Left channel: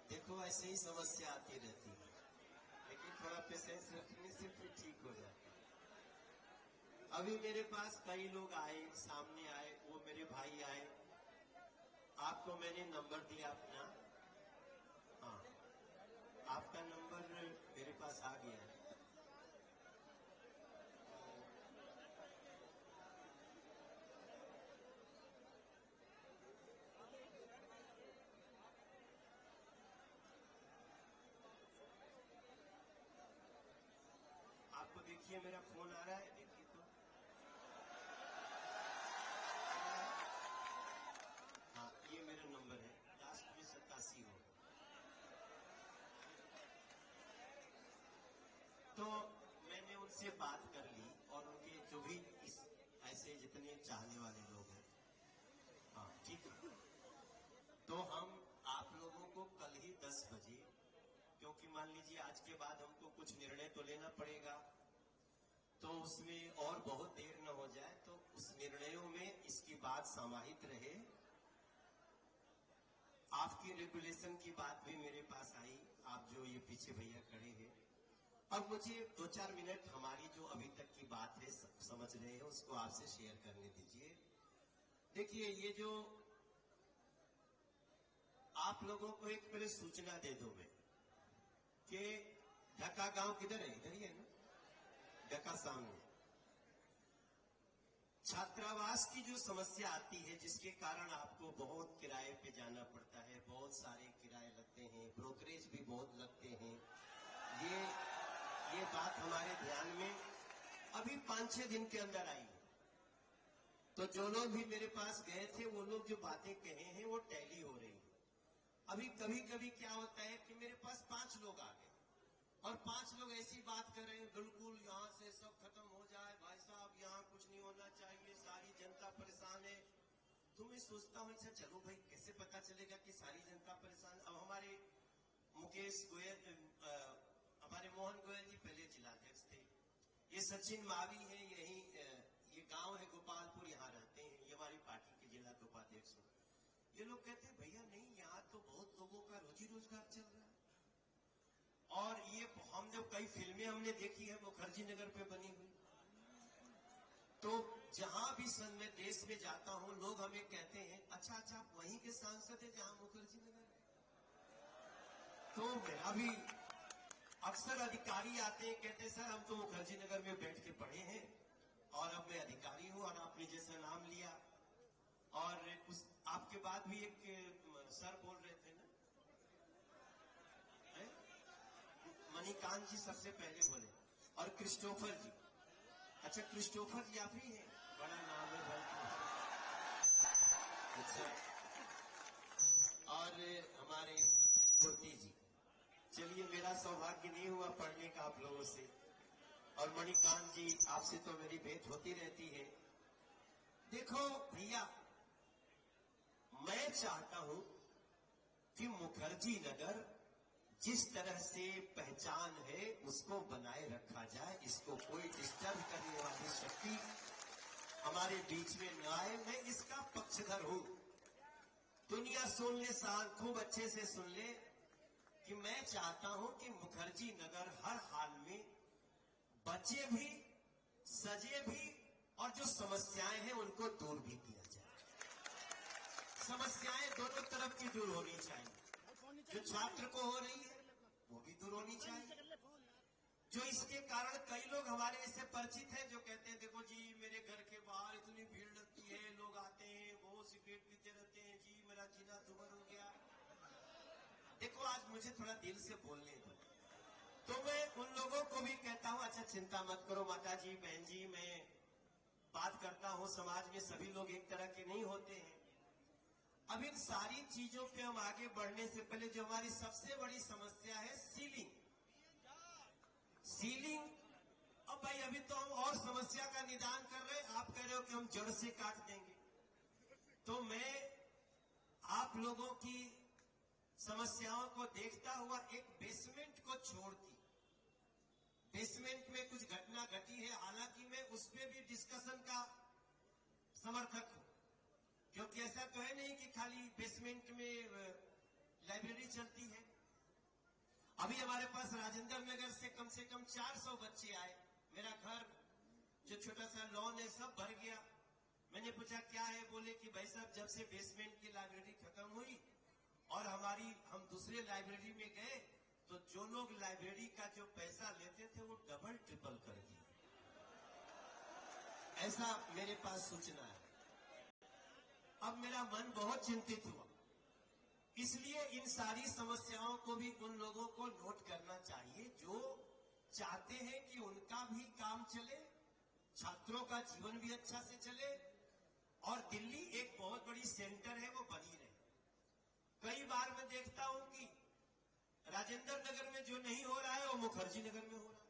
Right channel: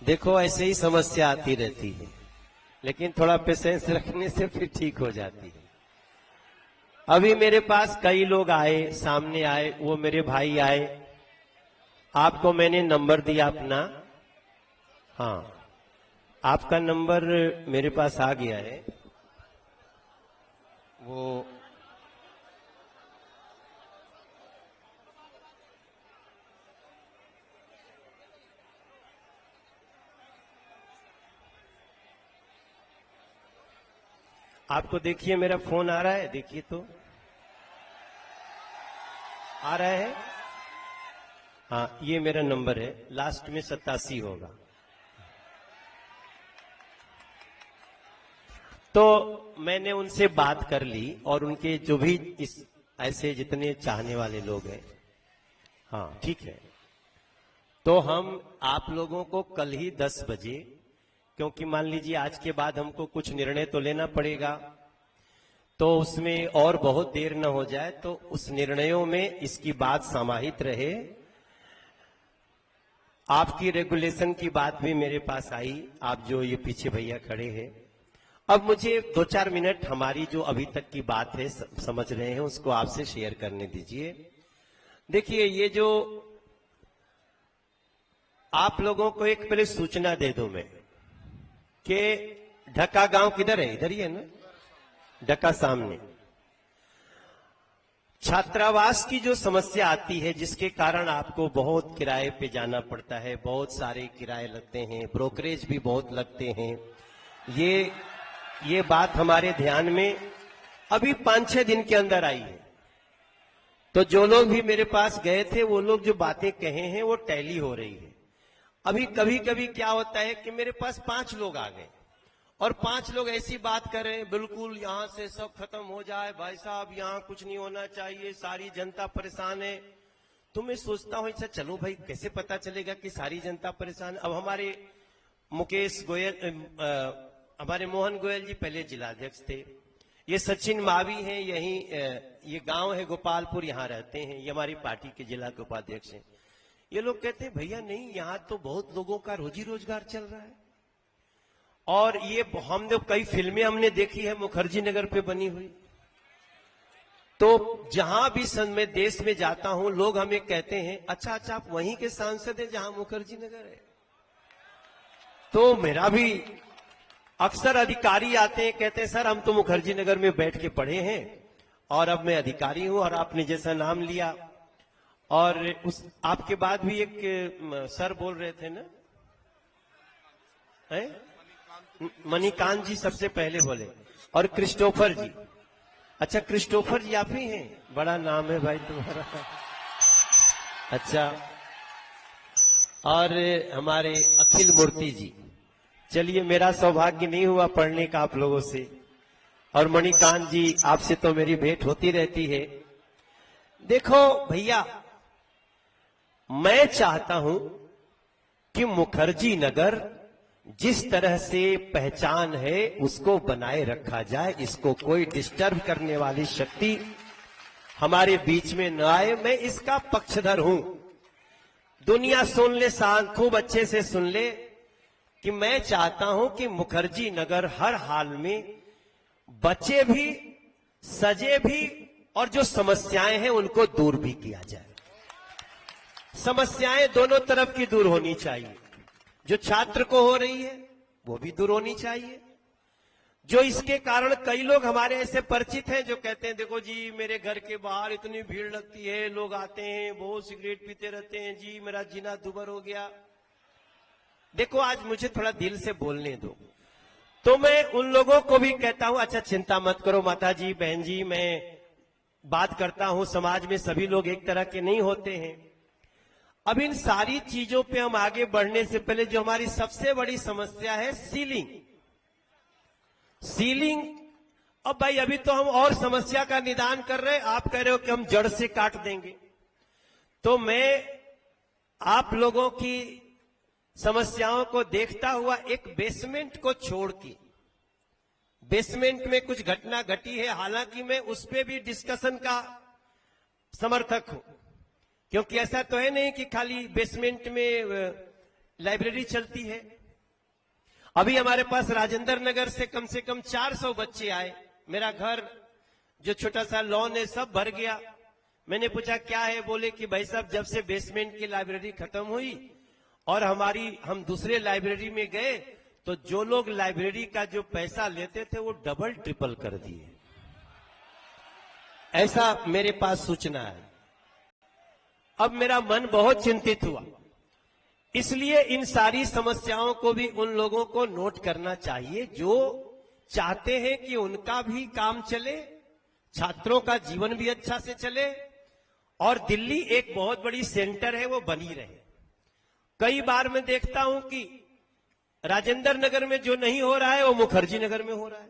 देखो ऐसे ही समस्या आती रहती है, लेकिन थोड़ा पेशेंस रखने से फिर ठीक हो जाती है। अभी मेरे पास कई लोग आए, सामने आए, वो मेरे भाई आए। आपको मैंने नंबर दिया अपना। हाँ, आपका नंबर मेरे पास आ गया है। वो आपको देखिए मेरा फोन आ रहा है, देखिए तो आ रहा है। हाँ, ये मेरा नंबर है, लास्ट में 87 होगा। तो मैंने उनसे बात कर ली और उनके जो भी इस ऐसे जितने चाहने वाले लोग हैं, हाँ ठीक है, तो हम आप लोगों को कल ही 10 बजे, क्योंकि मान लीजिए आज के बाद हमको कुछ निर्णय तो लेना पड़ेगा, तो उसमें और बहुत देर न हो जाए, तो उस निर्णयों में इसकी बात समाहित रहे। आपकी रेगुलेशन की बात भी मेरे पास आई, आप जो ये पीछे भैया खड़े हैं। अब मुझे 2-4 मिनट हमारी जो अभी तक की बात है समझ रहे हैं उसको आपसे शेयर करने दीजिए। देखिए, ये जो आप लोगों को एक पहले सूचना दे दूं मैं कि ढका गांव किधर है, इधर ही है ना, ढका सामने। छात्रावास की जो समस्या आती है, जिसके कारण आपको बहुत किराए पे जाना पड़ता है, बहुत सारे किराए लगते हैं, ब्रोकरेज भी बहुत लगते हैं, ये बात हमारे ध्यान में अभी 5-6 दिन के अंदर आई है। तो जो लोग भी मेरे पास गए थे, वो लोग जो बातें कहे हैं वो टैली हो रही है। अभी कभी कभी क्या होता है कि मेरे पास 5 लोग आ गए और 5 लोग ऐसी बात कर रहे हैं, बिल्कुल यहां से सब खत्म हो जाए, भाई साहब यहां कुछ नहीं होना चाहिए, सारी जनता परेशान है। तो मैं सोचता हूं, अच्छा चलो भाई, कैसे पता चलेगा कि सारी जनता परेशान। अब हमारे मुकेश गोयल, हमारे मोहन गोयल जी पहले जिलाध्यक्ष थे, ये सचिन मावी हैं, यही ये गांव है गोपालपुर, यहाँ रहते हैं, ये हमारी पार्टी के जिला के उपाध्यक्ष हैं। ये लोग कहते हैं भैया नहीं, यहाँ तो बहुत लोगों का रोजी रोजगार चल रहा है, और ये हमने कई फिल्में हमने देखी है मुखर्जी नगर पे बनी हुई। तो जहां भी मैं देश में जाता हूं, लोग हमें कहते हैं अच्छा अच्छा आप वहीं के सांसद हैं जहां मुखर्जी नगर है। तो मेरा भी अक्सर अधिकारी आते हैं, कहते हैं सर हम तो मुखर्जी नगर में बैठ के पढ़े हैं और अब मैं अधिकारी हूं, और आपने जैसा नाम लिया, और उस आपके बाद भी एक सर बोल रहे थे ना, है मणिकांत जी सबसे पहले बोले, और क्रिस्टोफर जी। अच्छा, क्रिस्टोफर जी आप ही हैं, बड़ा नाम है भाई तुम्हारा। अच्छा, और हमारे अखिल मूर्ति जी। चलिए, मेरा सौभाग्य नहीं हुआ पढ़ने का आप लोगों से, और मणिकांत जी आपसे तो मेरी भेंट होती रहती है। देखो भैया, मैं चाहता हूं कि मुखर्जी नगर जिस तरह से पहचान है उसको बनाए रखा जाए, इसको कोई डिस्टर्ब करने वाली शक्ति हमारे बीच में न आए। मैं इसका पक्षधर हूं। दुनिया सुन ले, खूब अच्छे से सुन ले कि मैं चाहता हूं कि मुखर्जी नगर हर हाल में बचे भी, सजे भी, और जो समस्याएं हैं उनको दूर भी किया जाए। समस्याएं दोनों तरफ की दूर होनी चाहिए। जो छात्र को हो रही है वो भी दूर होनी चाहिए। जो इसके कारण कई लोग हमारे ऐसे परिचित हैं जो कहते हैं देखो जी मेरे घर के बाहर इतनी भीड़ लगती है, लोग आते हैं, बहुत सिगरेट पीते रहते हैं जी, मेरा जीना दुभर हो गया। देखो, आज मुझे थोड़ा दिल से बोलने दो, तो मैं उन लोगों को भी कहता हूं अच्छा चिंता मत करो माता जी, बहन जी, मैं बात करता हूं, समाज में सभी लोग एक तरह के नहीं होते हैं। अब इन सारी चीजों पे हम आगे बढ़ने से पहले जो हमारी सबसे बड़ी समस्या है सीलिंग। अब भाई अभी तो हम और समस्या का निदान कर रहे हैं, आप कह रहे हो कि हम जड़ से काट देंगे। तो मैं आप लोगों की समस्याओं को देखता हुआ एक बेसमेंट को छोड़ के, बेसमेंट में कुछ घटना घटी है, हालांकि मैं उस पर भी डिस्कशन का समर्थक हूं, क्योंकि ऐसा तो है नहीं कि खाली बेसमेंट में लाइब्रेरी चलती है। अभी हमारे पास राजेंद्र नगर से कम 400 बच्चे आए। मेरा घर जो छोटा सा लॉन है सब भर गया। मैंने पूछा क्या है, बोले कि भाई साहब जब से बेसमेंट की लाइब्रेरी खत्म हुई और हम दूसरे लाइब्रेरी में गए तो जो लोग लाइब्रेरी का जो पैसा लेते थे वो डबल ट्रिपल कर दिए। ऐसा मेरे पास सूचना है। अब मेरा मन बहुत चिंतित हुआ, इसलिए इन सारी समस्याओं को भी उन लोगों को नोट करना चाहिए जो चाहते हैं कि उनका भी काम चले, छात्रों का जीवन भी अच्छा से चले और दिल्ली एक बहुत बड़ी सेंटर है वो बनी रहे। कई बार मैं देखता हूं कि राजेंद्र नगर में जो नहीं हो रहा है वो मुखर्जी नगर में हो रहा है।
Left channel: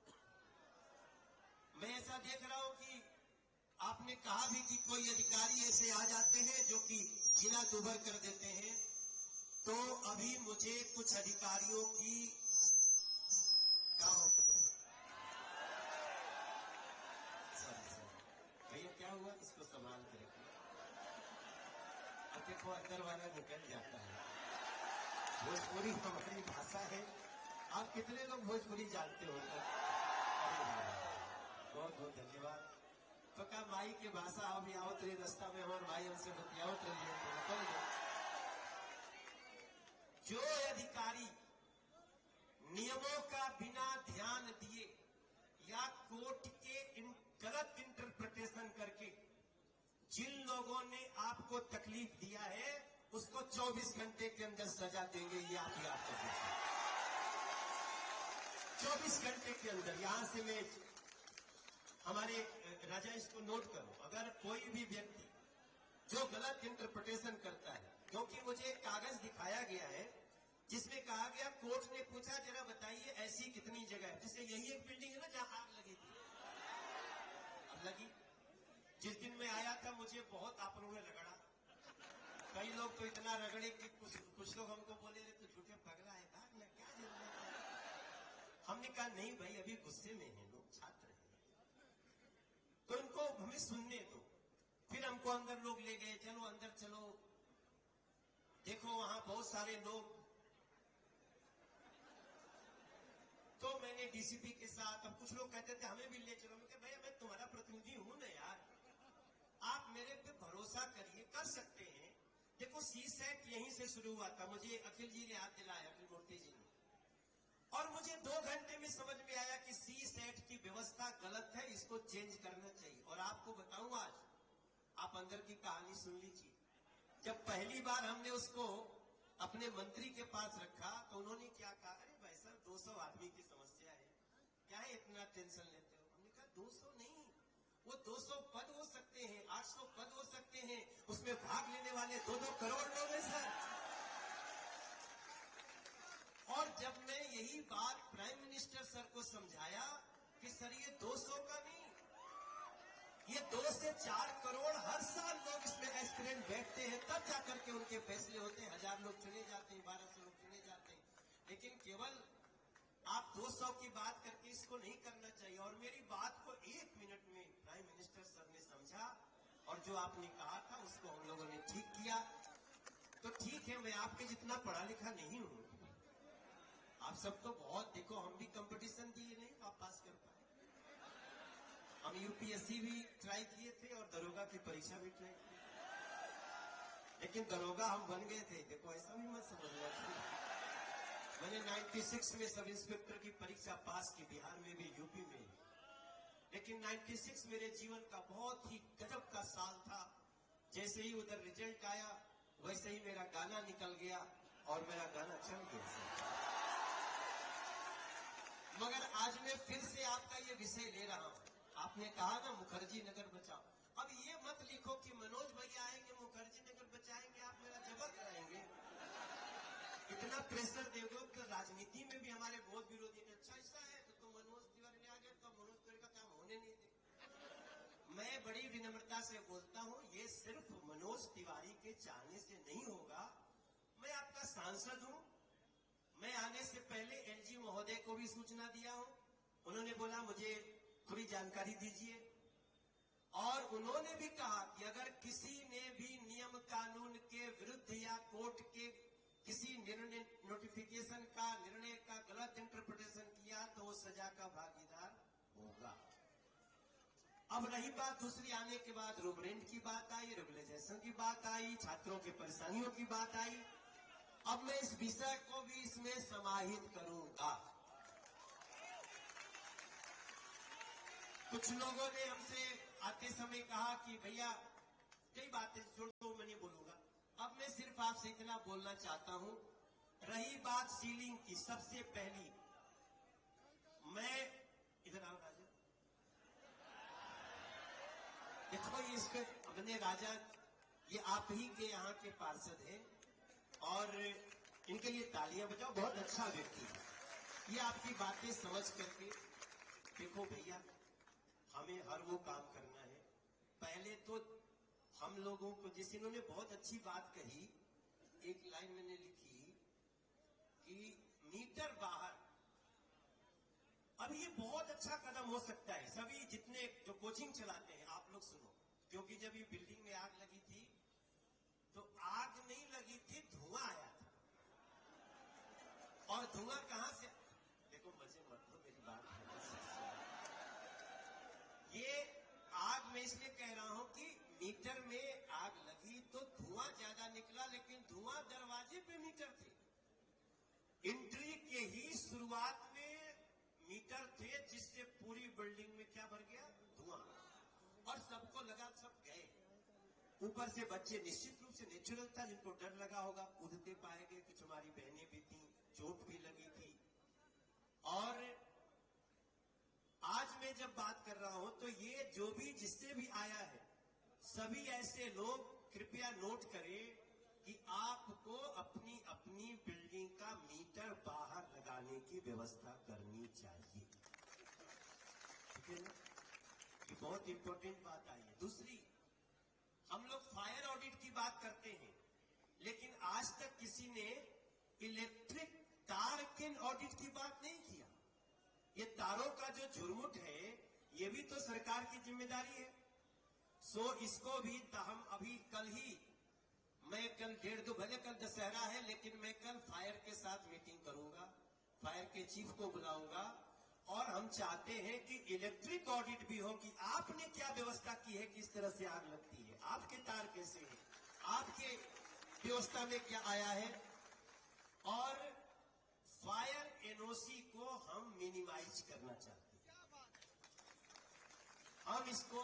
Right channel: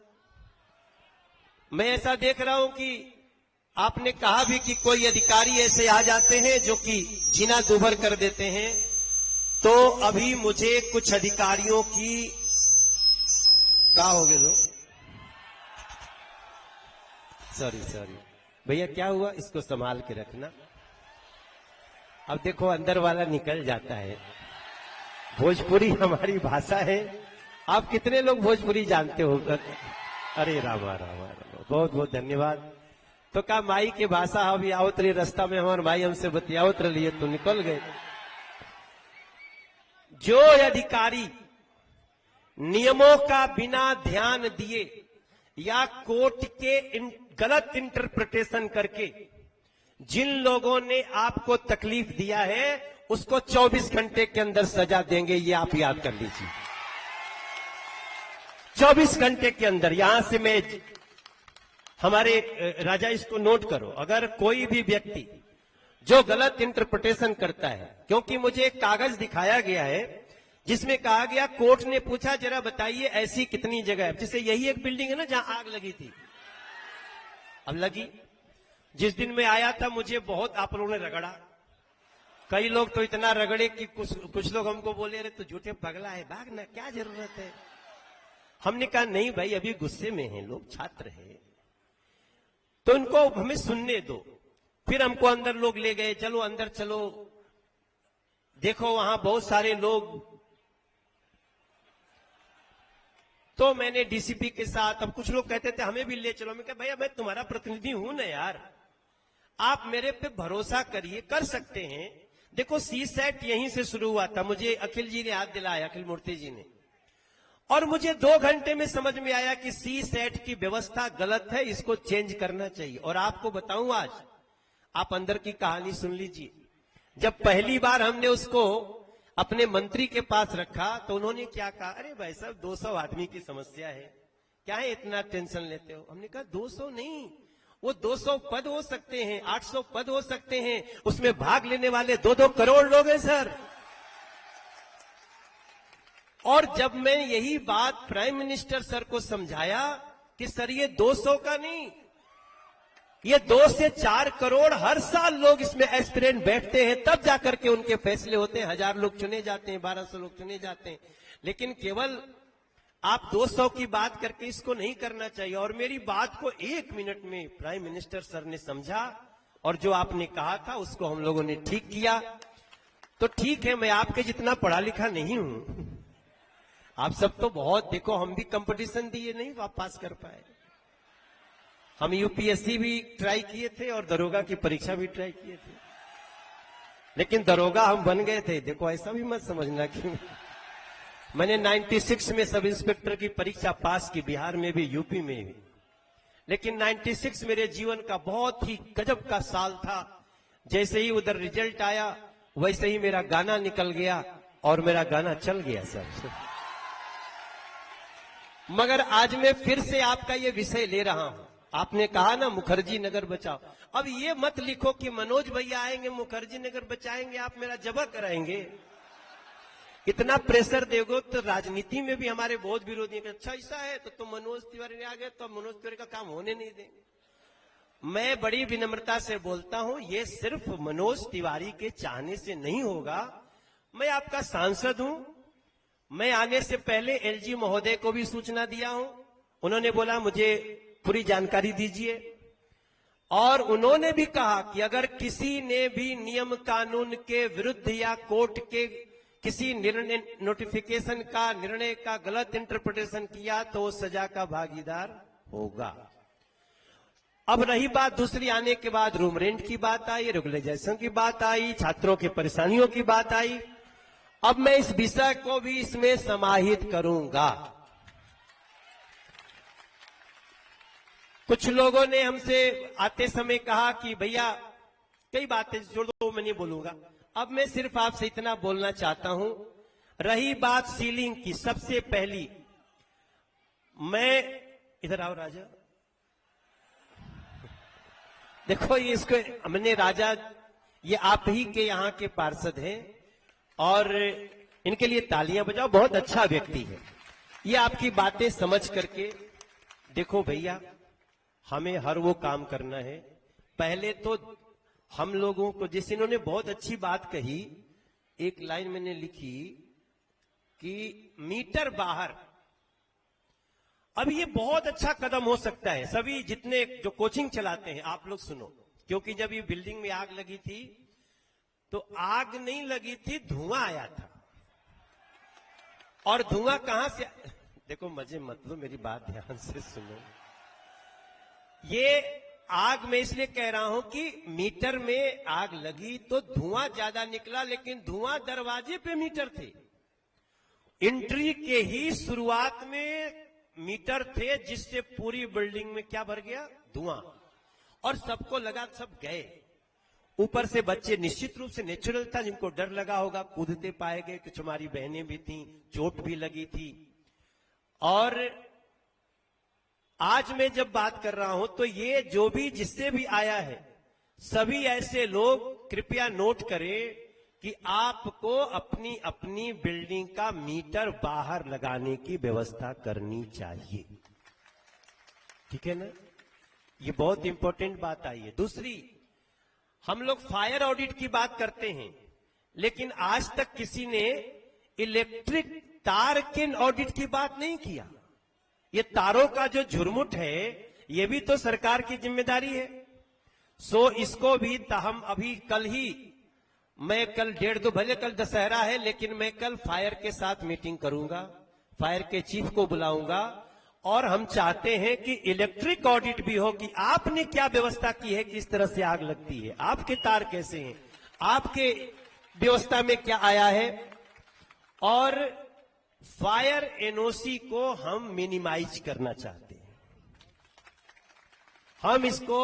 मैं ऐसा देख रहा हूं कि आपने कहा भी कि कोई अधिकारी ऐसे आ जाते हैं जो कि जीना दूभर कर देते हैं, तो अभी मुझे कुछ अधिकारियों की क्या हो गए दो सॉरी भैया क्या हुआ, इसको संभाल के रखना। अब देखो अंदर वाला निकल जाता है। भोजपुरी हमारी भाषा है। आप कितने लोग भोजपुरी जानते हो? अरे रामा रामा, बहुत बहुत धन्यवाद। तो का माई के भाषा अभी आवत रही, रास्ता में हमारे भाई हमसे बतियावत रही तो निकल गए। जो अधिकारी नियमों का बिना ध्यान दिए या कोर्ट के गलत इंटरप्रिटेशन करके जिन लोगों ने आपको तकलीफ दिया है उसको 24 घंटे के अंदर सजा देंगे, ये आप याद कर लीजिए। 24 घंटे के अंदर। यहां से मैं हमारे राजा इसको नोट करो, अगर कोई भी व्यक्ति जो गलत इंटरप्रिटेशन करता है, क्योंकि मुझे एक कागज दिखाया गया है जिसमें कहा गया, कोर्ट ने पूछा जरा बताइए ऐसी कितनी जगह है, जैसे यही एक बिल्डिंग है ना जहां आग लगी थी, अब लगी। जिस दिन मैं आया था मुझे बहुत आप लोगों ने रगड़ा, कई लोग तो इतना रगड़े कि कुछ लोग हमको बोले अरे तो झूठे पगला है, भाग ना, क्या जरूरत है। हमने कहा नहीं भाई अभी गुस्से में हैं लोग, छात्र हैं, तो उनको हमें सुनने दो। फिर हमको अंदर लोग ले गए, चलो अंदर चलो, देखो वहां बहुत सारे लोग। तो मैंने डीसीपी के साथ, अब कुछ लोग कहते थे हमें भी ले चलो, मैं कहा भैया मैं तुम्हारा प्रतिनिधि हूं ना यार, आप मेरे पे भरोसा करिए, कर सकते हैं। देखो सीसेट यहीं से शुरू हुआ था, मुझे अखिल जी ने याद दिलाया, अखिल मूर्ति जी ने, और मुझे 2 घंटे में समझ में आया कि सीसेट की व्यवस्था गलत है, इसको चेंज करना चाहिए। और आपको बताऊं आज, आप अंदर की कहानी सुन लीजिए। जब पहली बार हमने उसको अपने मंत्री के पास रखा तो उन्होंने क्या कहा, अरे भाई साहब 200 आदमी की समस्या है, क्या है इतना टेंशन लेते हो। हमने कहा 200 नहीं, वो 200 पद हो सकते हैं, 800 पद हो सकते हैं, उसमें भाग लेने वाले 2-2 करोड़ लोग हैं सर। और जब मैं यही बात प्राइम मिनिस्टर सर को समझाया कि सर ये 200 का नहीं, ये 2 से 4 करोड़ हर साल लोग इसमें एस्पिरेंट बैठते हैं, तब जाकर के उनके फैसले होते हैं। 1000 लोग चुने जाते हैं, 1200 लोग चुने जाते हैं, लेकिन केवल आप 200 की बात करके इसको नहीं करना चाहिए। और मेरी बात को 1 मिनट में प्राइम मिनिस्टर सर ने समझा और जो आपने कहा था उसको हम लोगों ने ठीक किया। तो ठीक है, मैं आपके जितना पढ़ा लिखा नहीं हूं, आप सब तो बहुत, देखो हम भी कंपटीशन दिए नहीं पास कर पाए, हम यूपीएससी भी ट्राई किए थे और दरोगा की परीक्षा भी ट्राई किए थे, लेकिन दरोगा हम बन गए थे। देखो ऐसा भी मत समझना कि मैंने 96 में सब इंस्पेक्टर की परीक्षा पास की, बिहार में भी यूपी में भी, लेकिन 96 मेरे जीवन का बहुत ही गजब का साल था। जैसे ही उधर रिजल्ट आया वैसे ही मेरा गाना निकल गया और मेरा गाना चल गया सर। मगर आज मैं फिर से आपका ये विषय ले रहा हूं। आपने कहा ना मुखर्जी नगर बचाओ, अब ये मत लिखो कि मनोज भैया आएंगे मुखर्जी नगर बचाएंगे, आप मेरा जबा कराएंगे। इतना प्रेशर दोगे तो राजनीति में भी हमारे बहुत विरोधी हैं, अच्छा ऐसा है तो तुम मनोज तिवारी आ गए तो मनोज तिवारी का काम होने नहीं देंगे। मैं बड़ी विनम्रता से बोलता हूं, ये सिर्फ मनोज तिवारी के चाहने से नहीं होगा। मैं आपका सांसद हूं, मैं आने से पहले एलजी महोदय को भी सूचना दिया हूं, उन्होंने बोला मुझे पूरी जानकारी दीजिए, और उन्होंने भी कहा कि अगर किसी ने भी नियम कानून के विरुद्ध या कोर्ट के किसी निर्णय नोटिफिकेशन का निर्णय का गलत इंटरप्रिटेशन किया तो वो सजा का भागीदार होगा। अब रही बात दूसरी, आने के बाद रूम रेंट की बात आई, रेगुलराइजेशन की बात आई, छात्रों की परेशानियों की बात आई। अब मैं इस विषय को भी इसमें समाहित करूंगा। कुछ लोगों ने हमसे आते समय कहा कि भैया कई बातें छोड़ दो, मैं नहीं बोलूंगा। अब मैं सिर्फ आपसे इतना बोलना चाहता हूं। रही बात सीलिंग की, सबसे पहली मैं, इधर आओ राजा, देखो ये इसको हमने राजा, ये आप ही के यहां के पार्षद हैं और इनके लिए तालियां बजाओ, बहुत अच्छा व्यक्ति है। ये आपकी बातें समझ करके, देखो भैया हमें हर वो काम करना है। पहले तो हम लोगों को, जैसे इन्होंने बहुत अच्छी बात कही, एक लाइन मैंने लिखी कि मीटर बाहर, अब ये बहुत अच्छा कदम हो सकता है। सभी जितने जो कोचिंग चलाते हैं आप लोग सुनो, क्योंकि जब ये बिल्डिंग में आग लगी थी तो आग नहीं लगी थी, धुआं आया था। और धुआं कहां से, देखो मजे मत लो, मेरी बात ध्यान से सुनो। ये आग मैं इसलिए कह रहा हूं कि मीटर में आग लगी तो धुआं ज्यादा निकला, लेकिन धुआं दरवाजे पे मीटर थे। एंट्री के ही शुरुआत में मीटर थे, जिससे पूरी बिल्डिंग में क्या भर गया, धुआं। और सबको लगा, सब गए। ऊपर से बच्चे निश्चित रूप से नेचुरल था, जिनको डर लगा होगा, कूदते पाए गए। कुछ हमारी बहनें भी थीं, चोट भी लगी थी। और आज मैं जब बात कर रहा हूं तो ये जो भी जिससे भी आया है, सभी ऐसे लोग कृपया नोट करें कि आपको अपनी अपनी बिल्डिंग का मीटर बाहर लगाने की व्यवस्था करनी चाहिए। ठीक है ना, ये बहुत इंपॉर्टेंट बात आई है। दूसरी, हम लोग फायर ऑडिट की बात करते हैं, लेकिन आज तक किसी ने इलेक्ट्रिक तार के ऑडिट की बात नहीं किया। ये तारों का जो झुरमुट है, ये भी तो सरकार की जिम्मेदारी है। सो इसको भी हम अभी कल ही, मैं कल 1:30, भले कल दशहरा है, लेकिन मैं कल फायर के साथ मीटिंग करूंगा, फायर के चीफ को बुलाऊंगा। और हम चाहते हैं कि इलेक्ट्रिक ऑडिट भी हो कि आपने क्या व्यवस्था की है, किस तरह से आग लगती है, आपके तार कैसे हैं, आपके व्यवस्था में क्या आया है। और फायर एनओसी को हम मिनिमाइज करना चाहते हैं। हम इसको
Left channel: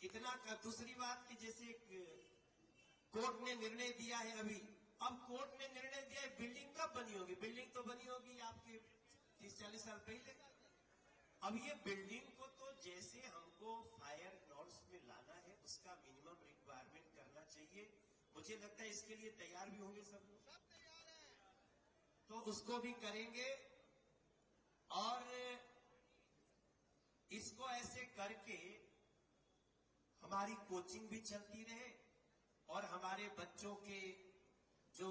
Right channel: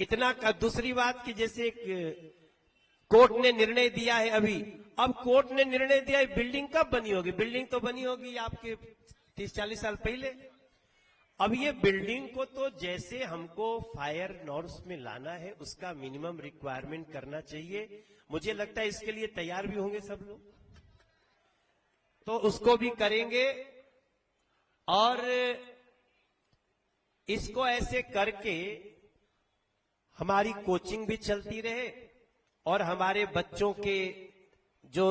इतना का, दूसरी बात कि जैसे कोर्ट ने निर्णय दिया है अभी, अब कोर्ट ने निर्णय दिया है, बिल्डिंग कब बनी होगी, बिल्डिंग तो बनी होगी आपके 30-40 साल पहले। अब ये बिल्डिंग को तो जैसे हमको फायर नॉर्म्स में लाना है, उसका मिनिमम रिक्वायरमेंट करना चाहिए। मुझे लगता है इसके लिए तैयार भी होंगे सब लोग, तो उसको भी करेंगे। और इसको ऐसे करके हमारी कोचिंग भी चलती रहे और हमारे बच्चों के जो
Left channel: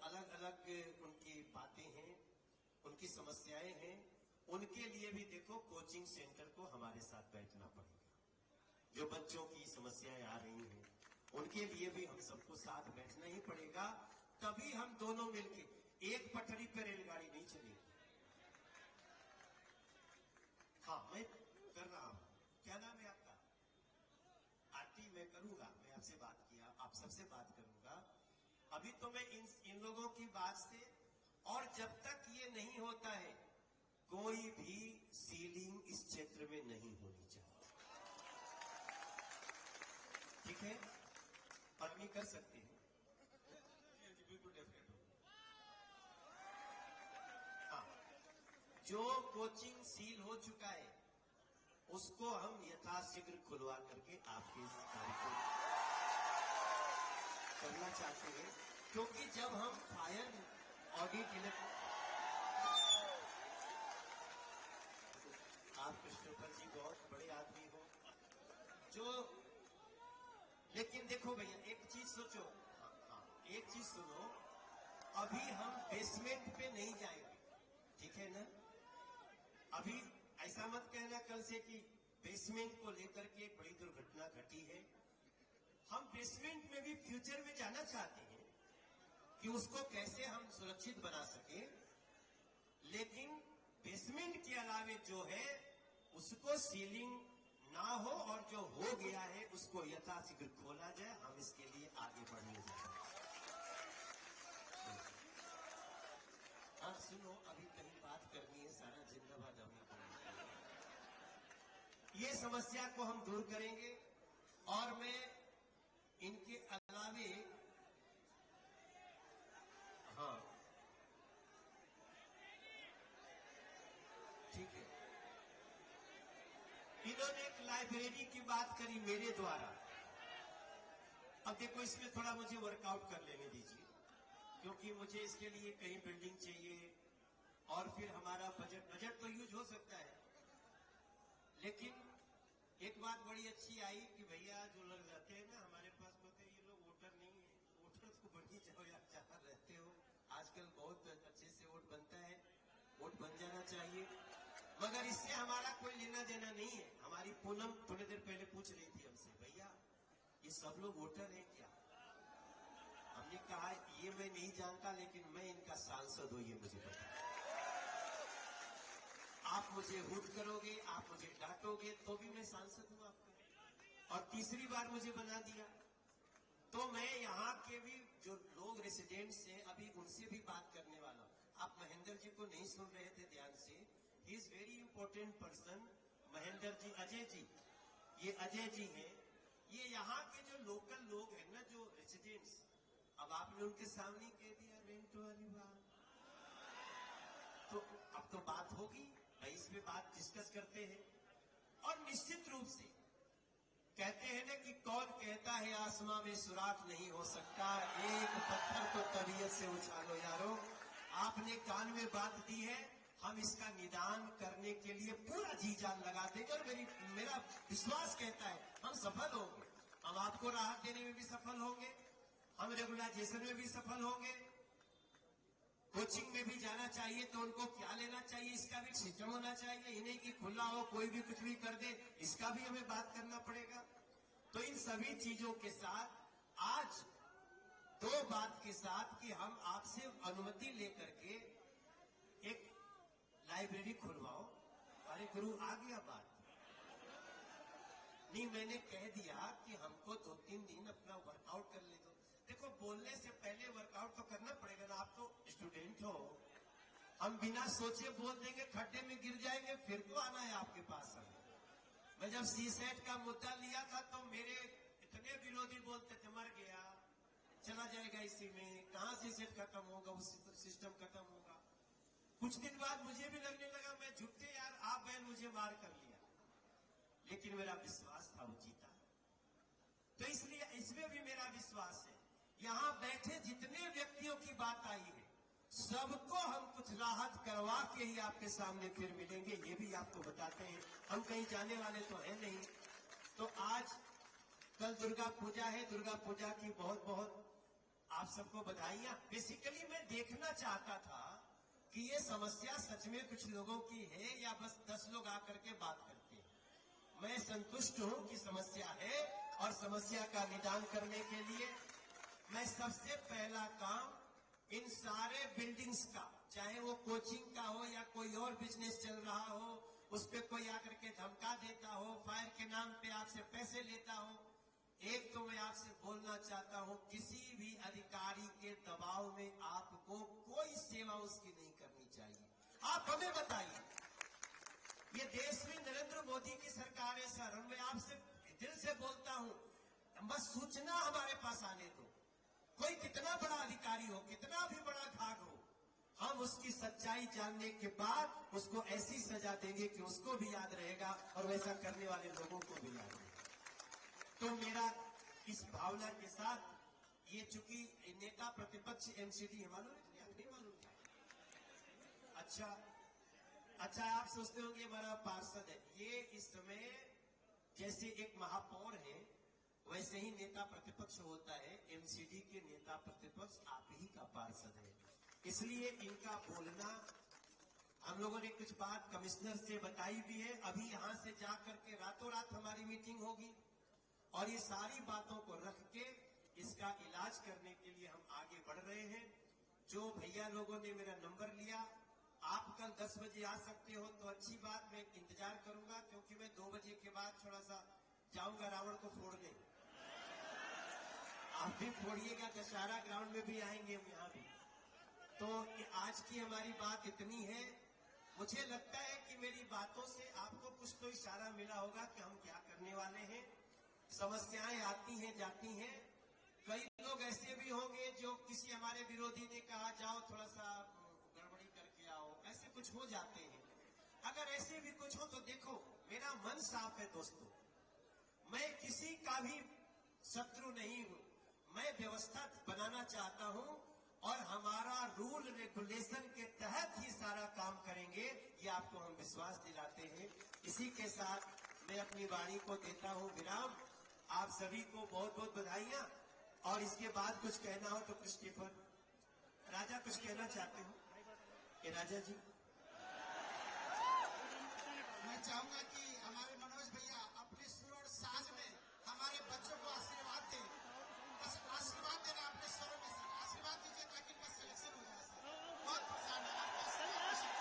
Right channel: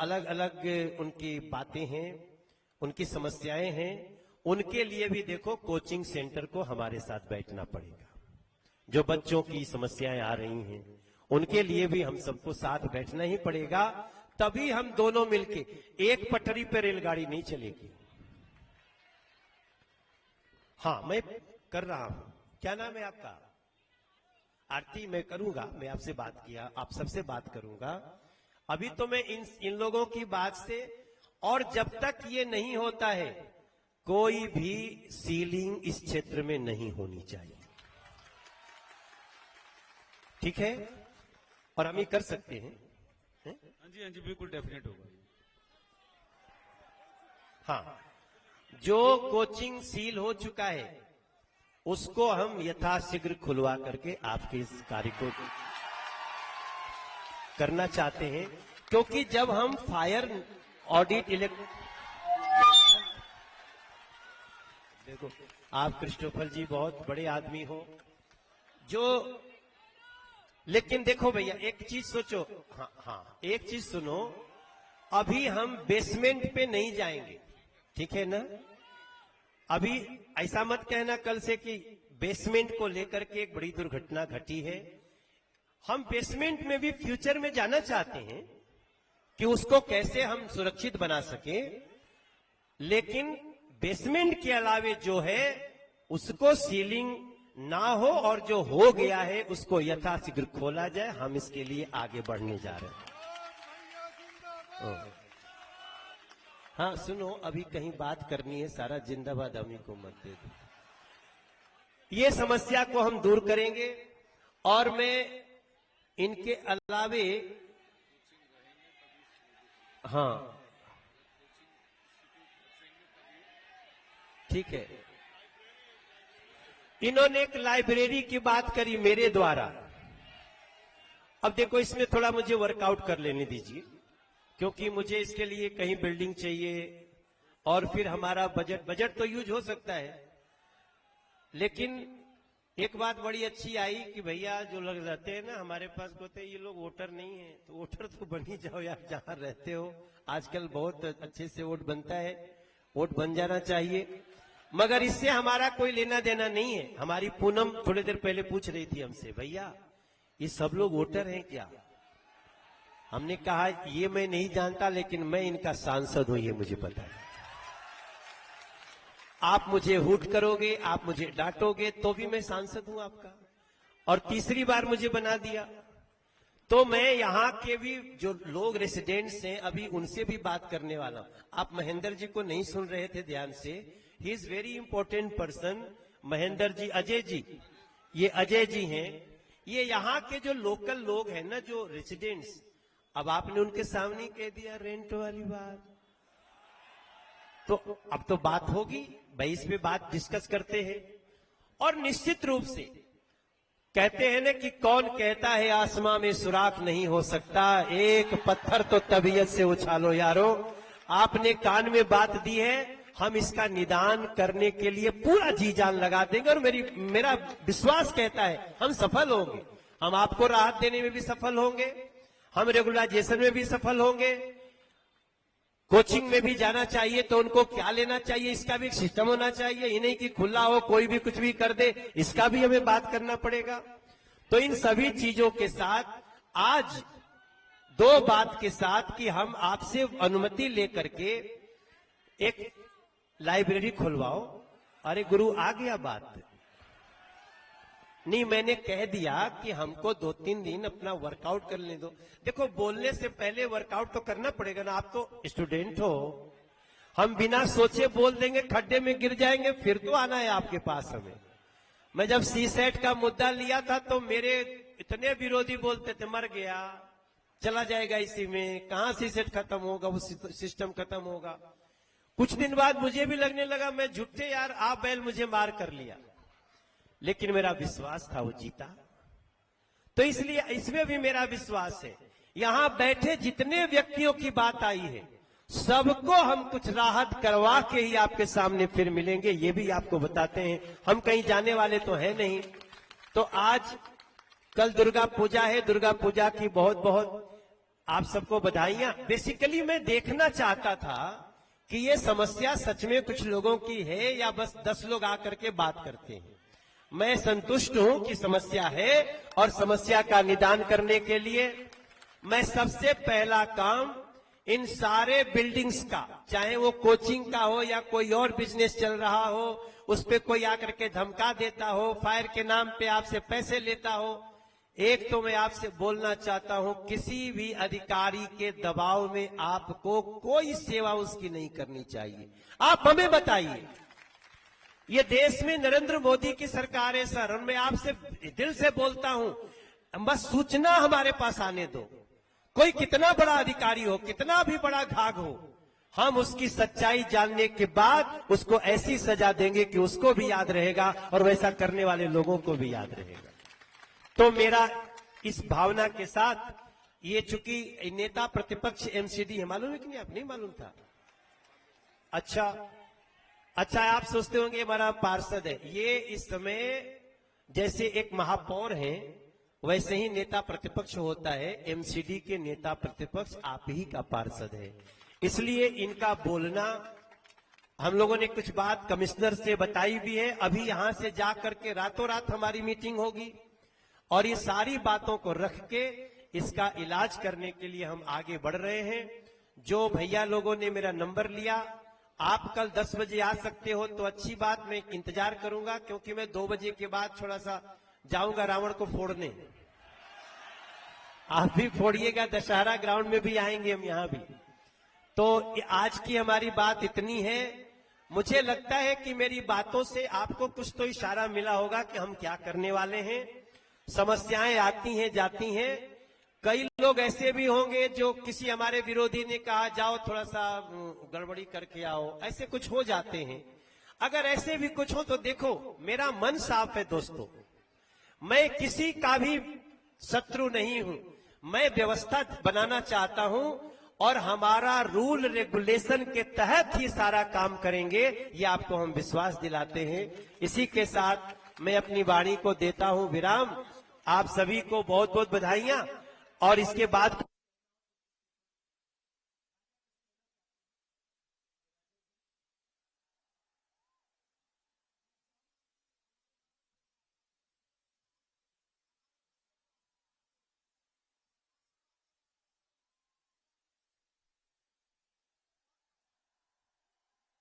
अलग अलग उनकी बातें हैं, उनकी समस्याएं हैं, उनके लिए भी देखो कोचिंग सेंटर को हमारे साथ बैठना पड़ेगा। जो बच्चों की समस्याएं आ रही हैं, उनके लिए भी हम सबको साथ बैठना ही पड़ेगा। तभी हम दोनों मिलके, एक पटरी पे रेलगाड़ी नहीं चलेगी। हाँ, मैं कर रहा हूं। क्या नाम है आपका? आरती। मैं करूंगा, मैं आपसे बात किया, आप सबसे बात करूंगा। अभी तो मैं इन लोगों की बात से, और जब तक ये नहीं होता है, कोई भी सीलिंग इस क्षेत्र में नहीं होनी चाहिए। ठीक है, और हम ये कर सकते हैं। हाँ जी बिल्कुल, डेफिनेट होगा। हाँ, जो कोचिंग सील हो चुका है उसको हम यथाशीघ्र खुलवा करके आपके इस कार्य को करना चाहते हैं, क्योंकि जब हम फायर ऑडिट देखो, आप क्रिस्टोफर जी बहुत बड़े आदमी हो जो, लेकिन देखो भैया एक चीज सोचो। हाँ, एक चीज सुनो, अभी हम बेसमेंट पे नहीं जाएंगे, ठीक है ना। अभी ऐसा मत कहना कल से कि बेसमेंट को लेकर के एक बड़ी दुर्घटना घटी है। हम बेसमेंट में भी फ्यूचर में जाना चाहते हैं, कि उसको कैसे हम सुरक्षित बना सके, लेकिन बेसमेंट के अलावे जो है उसको सीलिंग ना हो और जो हो गया है उसको यथाशीघ्र खोला जाए। हम इसके लिए आगे बढ़ने जा रहे हैं। हाँ सुनो, अभी कहीं बात करनी है, सारा जिंदाबाद अमी को मत दे दो। ये समस्या को हम दूर करेंगे और मैं इनके अलावे, हाँ ठीक है, इन्होंने एक लाइब्रेरी की बात करी मेरे द्वारा। अब देखो इसमें थोड़ा मुझे वर्कआउट कर लेने दीजिए, क्योंकि मुझे इसके लिए कहीं बिल्डिंग चाहिए और फिर हमारा बजट तो यूज हो सकता है। लेकिन एक बात बड़ी अच्छी आई कि भैया जो लोग रहते हैं ना हमारे पास, कहते हैं ये लोग वोटर नहीं है, तो वोटर तो बन ही जाओ यार, जहां रहते हो। आजकल बहुत अच्छे से वोट बनता है, वोट बन जाना चाहिए। मगर इससे हमारा कोई लेना देना नहीं है। हमारी पूनम थोड़ी देर पहले पूछ रही थी हमसे, भैया ये सब लोग वोटर हैं क्या? हमने कहा ये मैं नहीं जानता, लेकिन मैं इनका सांसद हूं, ये मुझे पता है। आप मुझे हुट करोगे, आप मुझे डांटोगे, तो भी मैं सांसद हूं आपका। और तीसरी बार मुझे बना दिया, तो मैं यहाँ के भी जो लोग रेसिडेंट्स हैं अभी उनसे भी बात करने वाला हूं। आप महेंद्र जी को नहीं सुन रहे थे ध्यान से, he is very important person. Mahendra ji, Ajay ji, ये अजय जी हैं, ये यहाँ के जो लोकल लोग हैं ना, जो रेसिडेंट्स। अब आपने उनके सामने कह दिया रेंट वाली बात, तो अब तो बात होगी भाई, इस पे बात डिस्कस करते हैं। और निश्चित रूप से कहते हैं ना कि कौन कहता है आसमां में सुराख नहीं हो सकता, एक पत्थर तो तबीयत से उछालो यारो। आपने कान में बात दी है, हम इसका निदान करने के लिए पूरा जी जान लगा देंगे। और मेरा विश्वास कहता है हम सफल होंगे। हम आपको राहत देने में भी सफल होंगे, हम रेगुलाइजेशन में भी सफल होंगे। कोचिंग में भी जाना चाहिए तो उनको क्या लेना चाहिए, इसका भी एक सिस्टम होना चाहिए। ये नहीं कि खुला हो कोई भी कुछ भी कर दे, इसका भी हमें बात करना पड़ेगा। तो इन सभी चीजों के साथ आज दो बात के साथ कि हम आपसे अनुमति लेकर के एक लाइब्रेरी खुलवाओ। अरे गुरु आ गया बात नहीं, मैंने कह दिया कि हमको 2-3 दिन अपना वर्कआउट करने दो। देखो बोलने से पहले वर्कआउट तो करना पड़ेगा ना, आप तो स्टूडेंट हो। हम बिना सोचे बोल देंगे, खड्डे में गिर जाएंगे, फिर तो आना है आपके पास हमें। मैं जब सीसेट का मुद्दा लिया था तो मेरे इतने विरोधी बोलते थे मर गया, चला जाएगा इसी में, कहां सीसेट खत्म होगा, वो सिस्टम खत्म होगा। कुछ दिन बाद मुझे भी लगने लगा मैं झूठे यार, आप बैल मुझे मार कर लिया, लेकिन मेरा विश्वास था वो जीता। तो इसलिए इसमें भी मेरा विश्वास है। यहां बैठे जितने व्यक्तियों की बात आई है, सबको हम कुछ राहत करवा के ही आपके सामने फिर मिलेंगे, ये भी आपको बताते हैं। हम कहीं जाने वाले तो है नहीं। तो आज कल दुर्गा पूजा है, दुर्गा पूजा की बहुत बहुत आप सबको बधाइयां। बेसिकली मैं देखना चाहता था कि ये समस्या सच में कुछ लोगों की है या बस 10 लोग आकर के बात करते हैं। मैं संतुष्ट हूं कि समस्या है, और समस्या का निदान करने के लिए मैं सबसे पहला काम इन सारे बिल्डिंग्स का, चाहे वो कोचिंग का हो या कोई और बिजनेस चल रहा हो, उस पे कोई आकर के धमका देता हो, फायर के नाम पे आपसे पैसे लेता हो, एक तो मैं आपसे बोलना चाहता हूं, किसी भी अधिकारी के दबाव में आपको कोई सेवा उसकी नहीं करनी चाहिए। आप हमें बताइए, ये देश में नरेंद्र मोदी की सरकार है सर, और मैं आपसे दिल से बोलता हूं, बस सूचना हमारे पास आने दो। कोई कितना बड़ा अधिकारी हो, कितना भी बड़ा घाघ हो, हम उसकी सच्चाई जानने के बाद उसको ऐसी सजा देंगे कि उसको भी याद रहेगा और वैसा करने वाले लोगों को भी याद रहेगा। तो मेरा इस भावना के साथ, ये चूंकि नेता प्रतिपक्ष एमसीडी है, मालूम है कि नहीं? आप नहीं मालूम था? अच्छा आप सोचते होंगे हमारा पार्षद है। ये इस समय जैसे एक महापौर है, वैसे ही नेता प्रतिपक्ष होता है। एमसीडी के नेता प्रतिपक्ष आप ही का पार्षद है, इसलिए इनका बोलना, हम लोगों ने कुछ बात कमिश्नर से बताई भी है। अभी यहां से जा करके रातों रात हमारी मीटिंग होगी और ये सारी बातों को रख के इसका इलाज करने के लिए हम आगे बढ़ रहे हैं। जो भैया लोगों ने मेरा नंबर लिया, आप कल 10 बजे आ सकते हो तो अच्छी बात, मैं इंतजार करूंगा, क्योंकि मैं 2 बजे के बाद थोड़ा सा जाऊंगा रावण को फोड़ने। आप भी फोड़िएगा, दशहरा ग्राउंड में भी आएंगे हम यहां भी। तो आज की हमारी बात इतनी है। मुझे लगता है कि मेरी बातों से आपको कुछ तो इशारा मिला होगा कि हम क्या करने वाले हैं। समस्याएं आती हैं जाती हैं। कई लोग ऐसे भी होंगे जो किसी हमारे विरोधी ने कहा जाओ थोड़ा सा गड़बड़ी करके आओ, ऐसे कुछ हो जाते हैं। अगर ऐसे भी कुछ हो तो देखो, मेरा मन साफ है दोस्तों, मैं किसी का भी शत्रु नहीं हूं। मैं व्यवस्था बनाना चाहता हूं और हमारा रूल रेगुलेशन के तहत ही सारा काम करेंगे, ये आपको हम विश्वास दिलाते हैं। इसी के साथ मैं अपनी वाणी को देता हूं विराम। आप सभी को बहुत बहुत बधाइयां। और इसके बाद कुछ कहना हो तो क्रिस्टोफर राजा कुछ कहना चाहते हो कि राजा जी?